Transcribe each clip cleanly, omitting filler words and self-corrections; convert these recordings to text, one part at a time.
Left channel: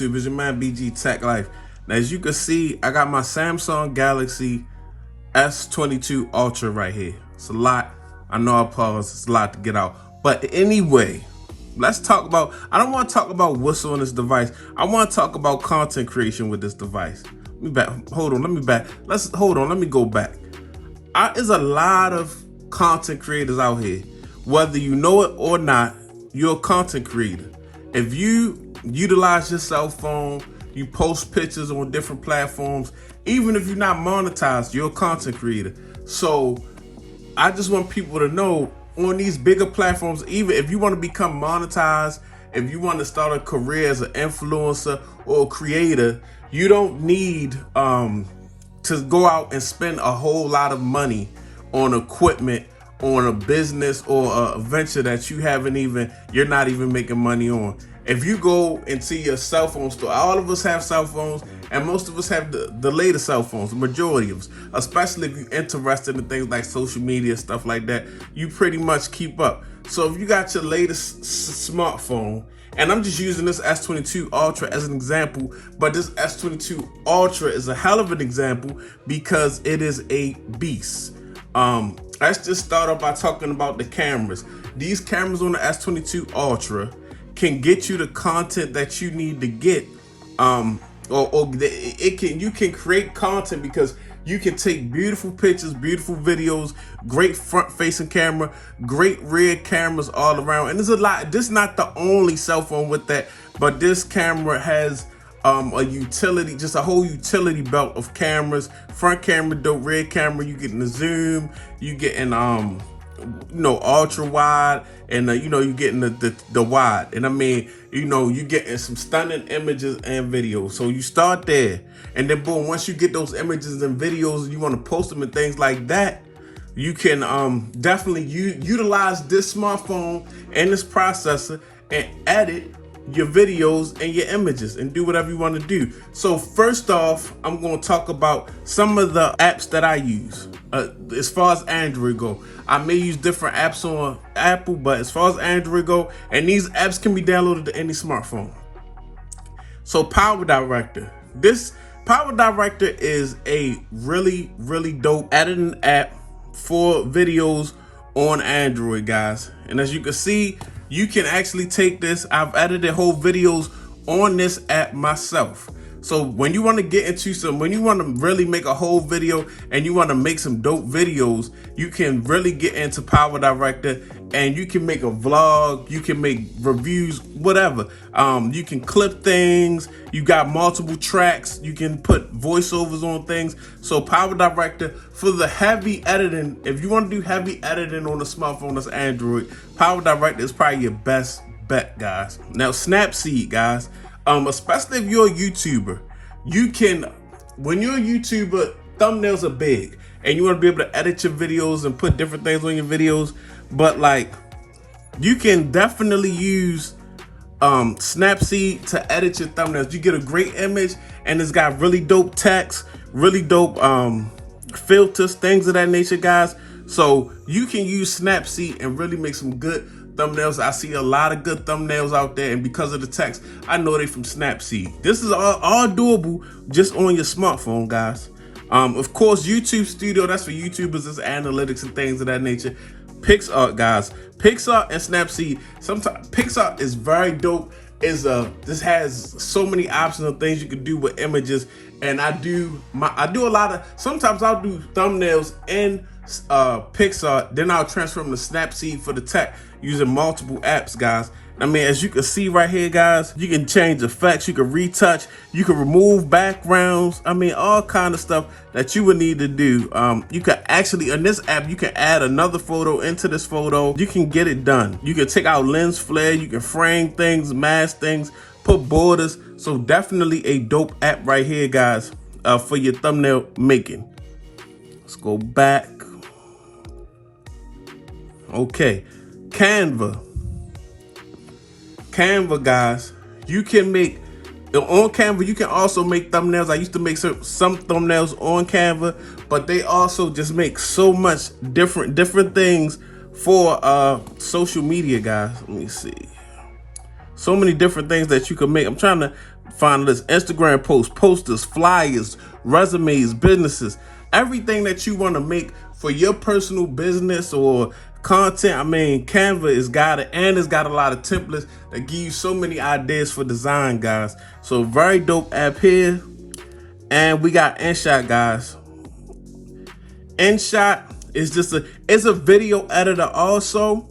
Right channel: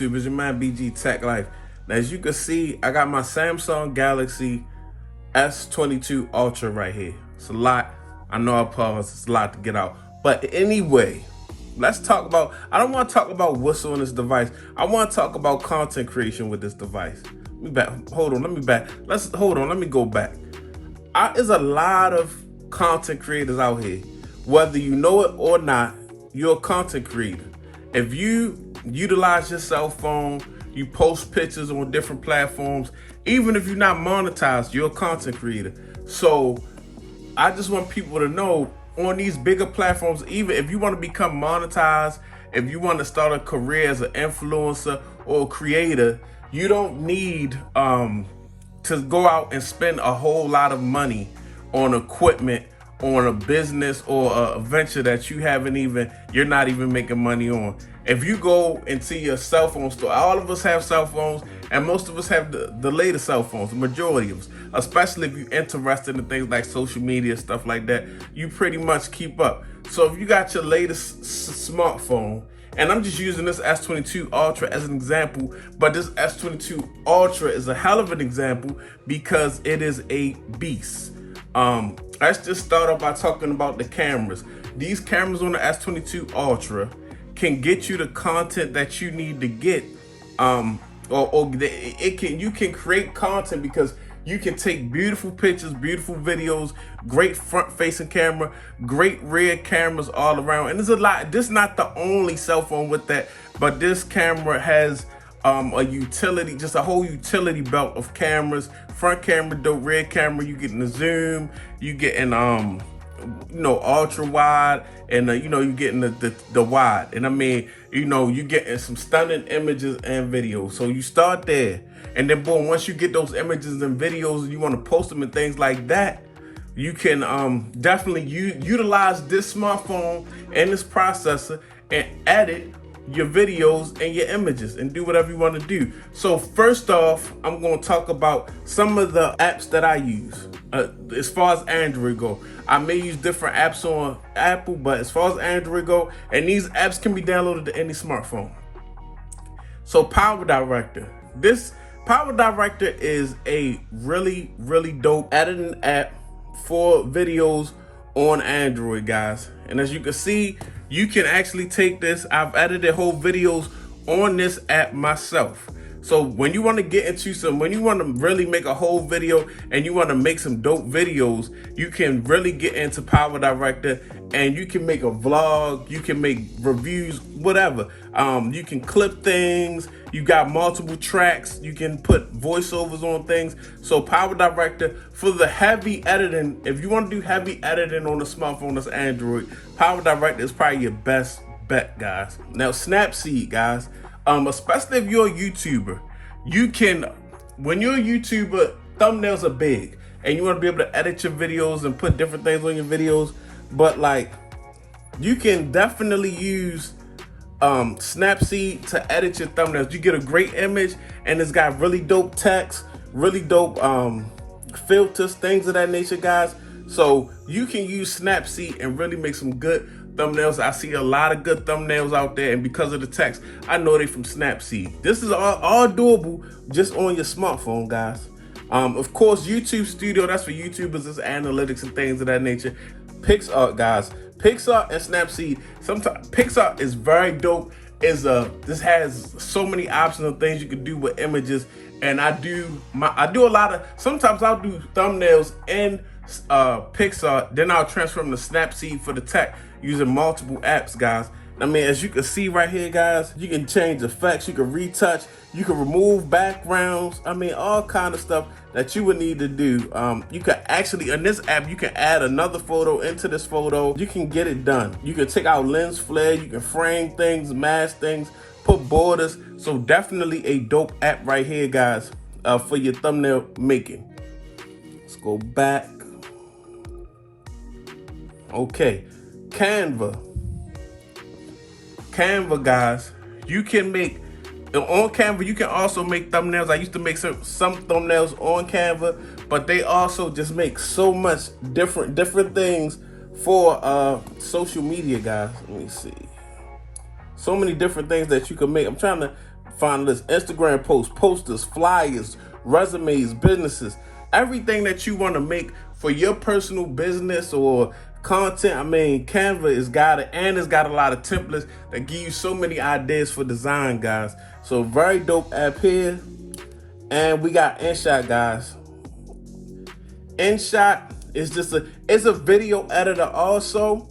YouTube? It's your man BG Tech Life. Now, as you can see, I got my Samsung Galaxy S22 Ultra right here. It's a lot. I know I paused. It's a lot to get out. But anyway, let's talk about, I don't want to talk about what's on this device. I want to talk about content creation with this device. Let me go back. There's a lot of content creators out here. Whether you know it or not, you're a content creator. If you utilize your cell phone, you post pictures on different platforms, even if you're not monetized, you're a content creator. So I just want people to know, on these bigger platforms, even if you want to become monetized, if you want to start a career as an influencer or a creator, you don't need to go out and spend a whole lot of money on equipment, on a business or a venture that you're not even making money on. If you go into your cell phone store, all of us have cell phones, and most of us have the latest cell phones, the majority of us, especially if you're interested in things like social media, stuff like that, you pretty much keep up. So if you got your latest smartphone, and I'm just using this S22 Ultra as an example, but this S22 Ultra is a hell of an example because it is a beast. Let's just start off by talking about the cameras. These cameras on the S22 Ultra can get you the content that you need to get. You can create content because you can take beautiful pictures, beautiful videos, great front-facing camera, great rear cameras all around. And there's a lot. This is not the only cell phone with that, but this camera has a utility, just a whole utility belt of cameras. Front camera, dope, rear camera. You getting the zoom, you getting ultra wide, and you getting the wide. And I mean, you getting some stunning images and videos. So you start there, and then boom, once you get those images and videos, you want to post them and things like that, you can definitely utilize this smartphone and this processor and edit your videos and your images and do whatever you want to do. So first off, I'm going to talk about some of the apps that I use. As far as Android go, I may use different apps on Apple, but as far as Android go, and these apps can be downloaded to any smartphone. So Power Director. This Power Director is a really, really dope editing app for videos on Android, guys. And as you can see, you can actually take this. I've edited whole videos on this app myself. So when you want to get into when you want to really make a whole video and you want to make some dope videos, you can really get into Power Director, and you can make a vlog, you can make reviews, whatever. You can clip things, you got multiple tracks, you can put voiceovers on things. So Power Director for the heavy editing, if you want to do heavy editing on a smartphone that's Android, Power Director is probably your best bet, guys. Now Snapseed, guys. Especially if you're a YouTuber, when you're a YouTuber, thumbnails are big, and you want to be able to edit your videos and put different things on your videos. But like, you can definitely use Snapseed to edit your thumbnails. You get a great image, and it's got really dope text, really dope filters, things of that nature, guys. So you can use Snapseed and really make some good thumbnails. I see a lot of good thumbnails out there, and because of the text, I know they from Snapseed. This is all doable just on your smartphone, guys. Of course, YouTube Studio, that's for YouTubers, it's analytics and things of that nature. PixArt, guys. PixArt and Snapseed. Sometimes PixArt is very dope. This has so many options of things you can do with images, and I do a lot of, sometimes I'll do thumbnails in PixArt, then I'll transfer them to Snapseed for the tech using multiple apps, guys. I mean, as you can see right here, guys, you can change effects, you can retouch, you can remove backgrounds. I mean, all kind of stuff that you would need to do. You can actually, in this app, you can add another photo into this photo. You can get it done. You can take out lens flare, you can frame things, mask things, put borders. So definitely a dope app right here, guys, for your thumbnail making. Let's go back. Okay, Canva, guys. You can make on Canva. You can also make thumbnails. I used to make some thumbnails on Canva, but they also just make so much different things for social media, guys. Let me see. So many different things that you can make. I'm trying to final list, Instagram posts, posters, flyers, resumes, businesses, everything that you want to make for your personal business or content. I mean, Canva has got it, and it's got a lot of templates that give you so many ideas for design, guys. So very dope app here. And we got InShot, guys. InShot is just it's a video editor also,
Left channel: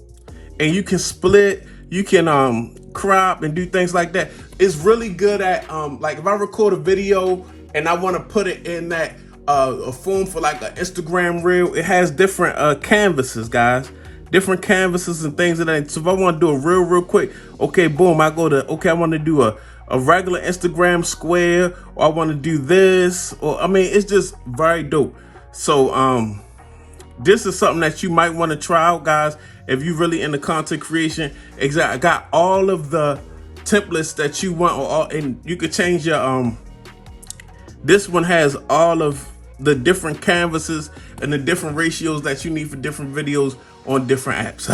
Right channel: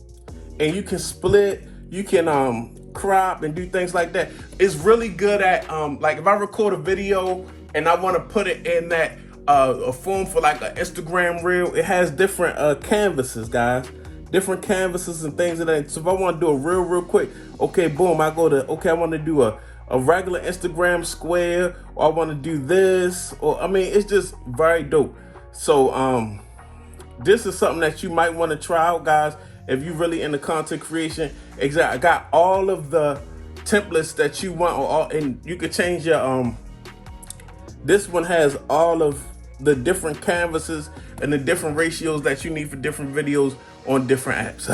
and you can split, you can crop and do things like that. It's really good at like if I record a video and I want to put it in that a form for like an Instagram reel, it has different canvases, guys. Different canvases and things of that. So if I want to do a reel real quick, okay, boom, I go to, okay, I want to do a regular Instagram square, or I want to do this, or I mean, it's just very dope. So this is something that you might want to try out, guys, if you're really into content creation. Exactly, I got all of the templates that you want, and you could change your this one has all of the different canvases and the different ratios that you need for different videos on different apps.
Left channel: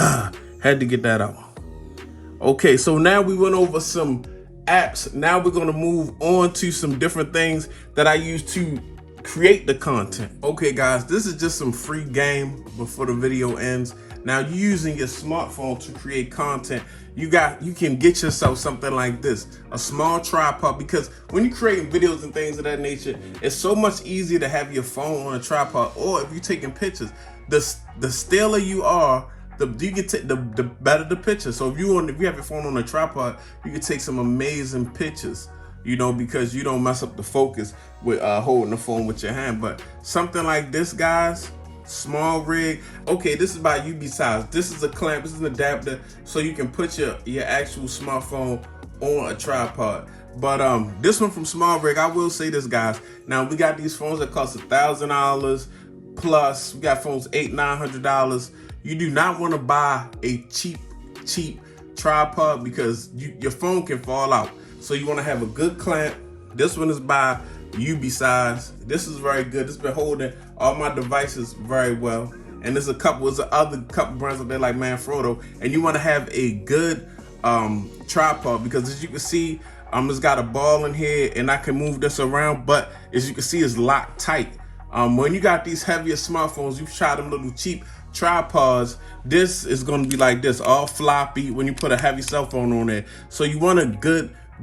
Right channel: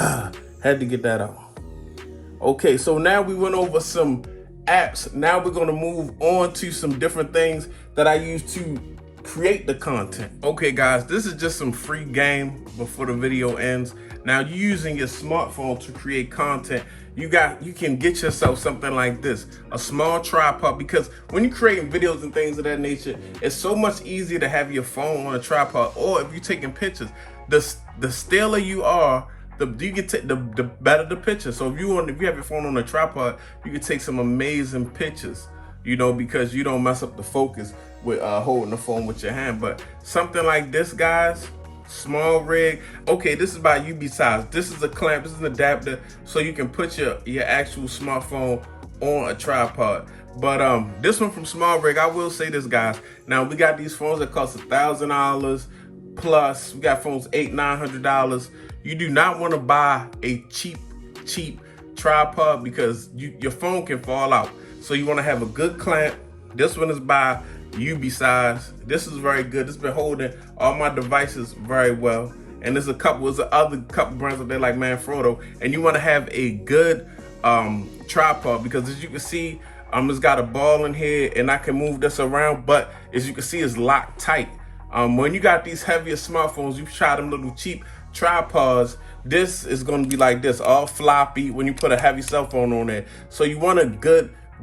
Had to get that out. Okay, so now we went over some apps. Now we're going to move on to some different things that I use to create the content. Okay, guys, this is just some free game before the video ends. Now, you're using your smartphone to create content. You can get yourself something like this, a small tripod, because when you're creating videos and things of that nature, it's so much easier to have your phone on a tripod, or if you're taking pictures, the stiller you are, you can take the better the picture. So if you have your phone on a tripod, you can take some amazing pictures, you know, because you don't mess up the focus with holding the phone with your hand. But something like this, guys, SmallRig. Okay, this is by Ubeesize. This is a clamp, this is an adapter, so you can put your actual smartphone on a tripod. But this one from SmallRig, I will say this, guys. Now we got these phones that cost $1,000 plus. We got phones $800-900. You do not want to buy a cheap tripod because your phone can fall out. So you want to have a good clamp. This one is by Ubeesize. This is very good. It's been holding all my devices very well. And there's other couple brands out there like Manfrotto. And you want to have a good tripod, because as you can see, it's got a ball in here and I can move this around, but as you can see, it's locked tight. When you got these heavier smartphones, you try them little cheap tripods, this is going to be like this, all floppy when you put a heavy cell phone on there. So you want a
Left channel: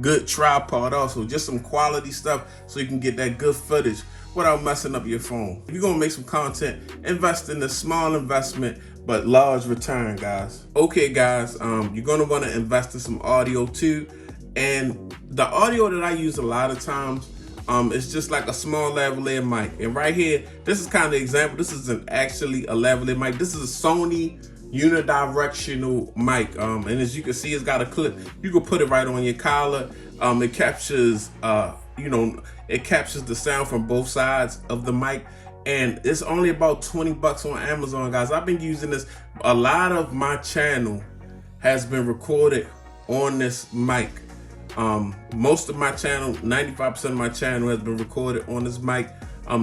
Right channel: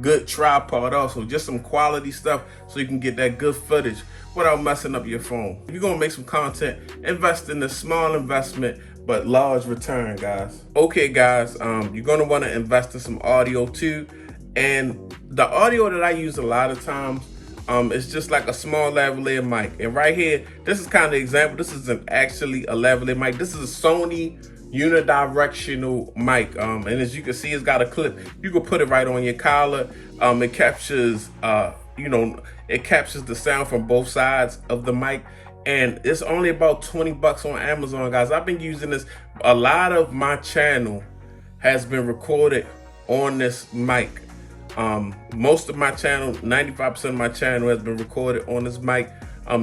good tripod also, just some quality stuff so you can get that good footage without messing up your phone. If you're going to make some content, invest in a small investment but large return, guys. Okay, guys, you're going to want to invest in some audio too. And the audio that I use a lot of times, it's just like a small lavalier mic. And right here, this is kind of the example. This isn't actually a lavalier mic. This is a Sony unidirectional mic. And as you can see, it's got a clip. You can put it right on your collar. It captures, it captures the sound from both sides of the mic. And it's only about $20 on Amazon, guys. I've been using this. A lot of my channel has been recorded on this mic. Most of my channel, 95% of my channel has been recorded on this mic,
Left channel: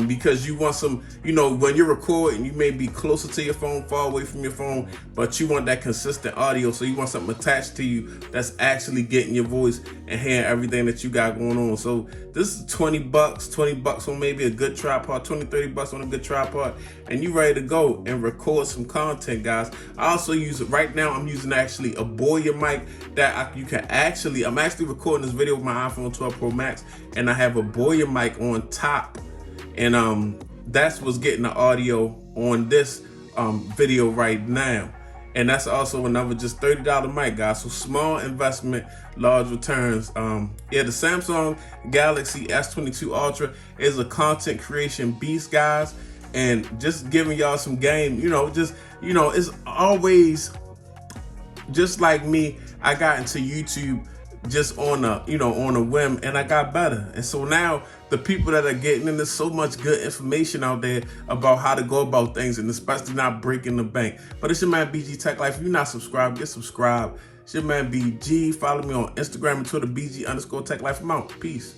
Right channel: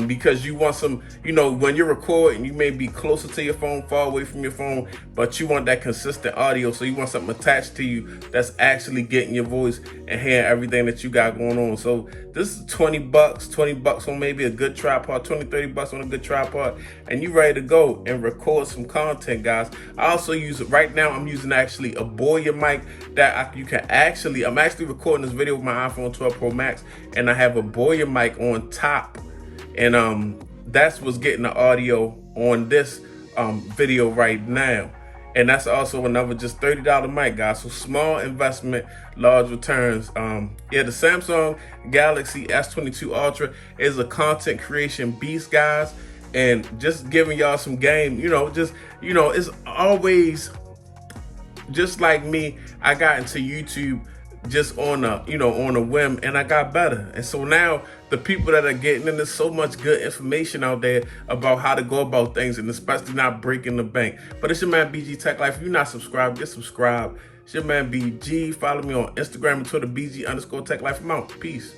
because you want some, when you're recording, you may be closer to your phone, far away from your phone, but you want that consistent audio. So you want something attached to you that's actually getting your voice and hearing everything that you got going on. So this is $20 on maybe a good tripod, $20-30 on a good tripod, and you ready to go and record some content, guys. I also use it right now. I'm using actually a Boya mic that I'm actually recording this video with my iPhone 12 Pro Max, and I have a Boya mic on top. And that's what's getting the audio on this video right now. And that's also another just $30 mic, guys. So small investment, large returns. The Samsung Galaxy S22 Ultra is a content creation beast, guys. And just giving y'all some game, it's always just like me. I got into YouTube just on a whim, and I got better. And so now the people that are getting in, there's so much good information out there about how to go about things, and especially not breaking the bank. But it's your man BG Tech Life. If you're not subscribed, get subscribed. It's your man BG. Follow me on Instagram and Twitter, BG_Tech Life. I'm out. Peace.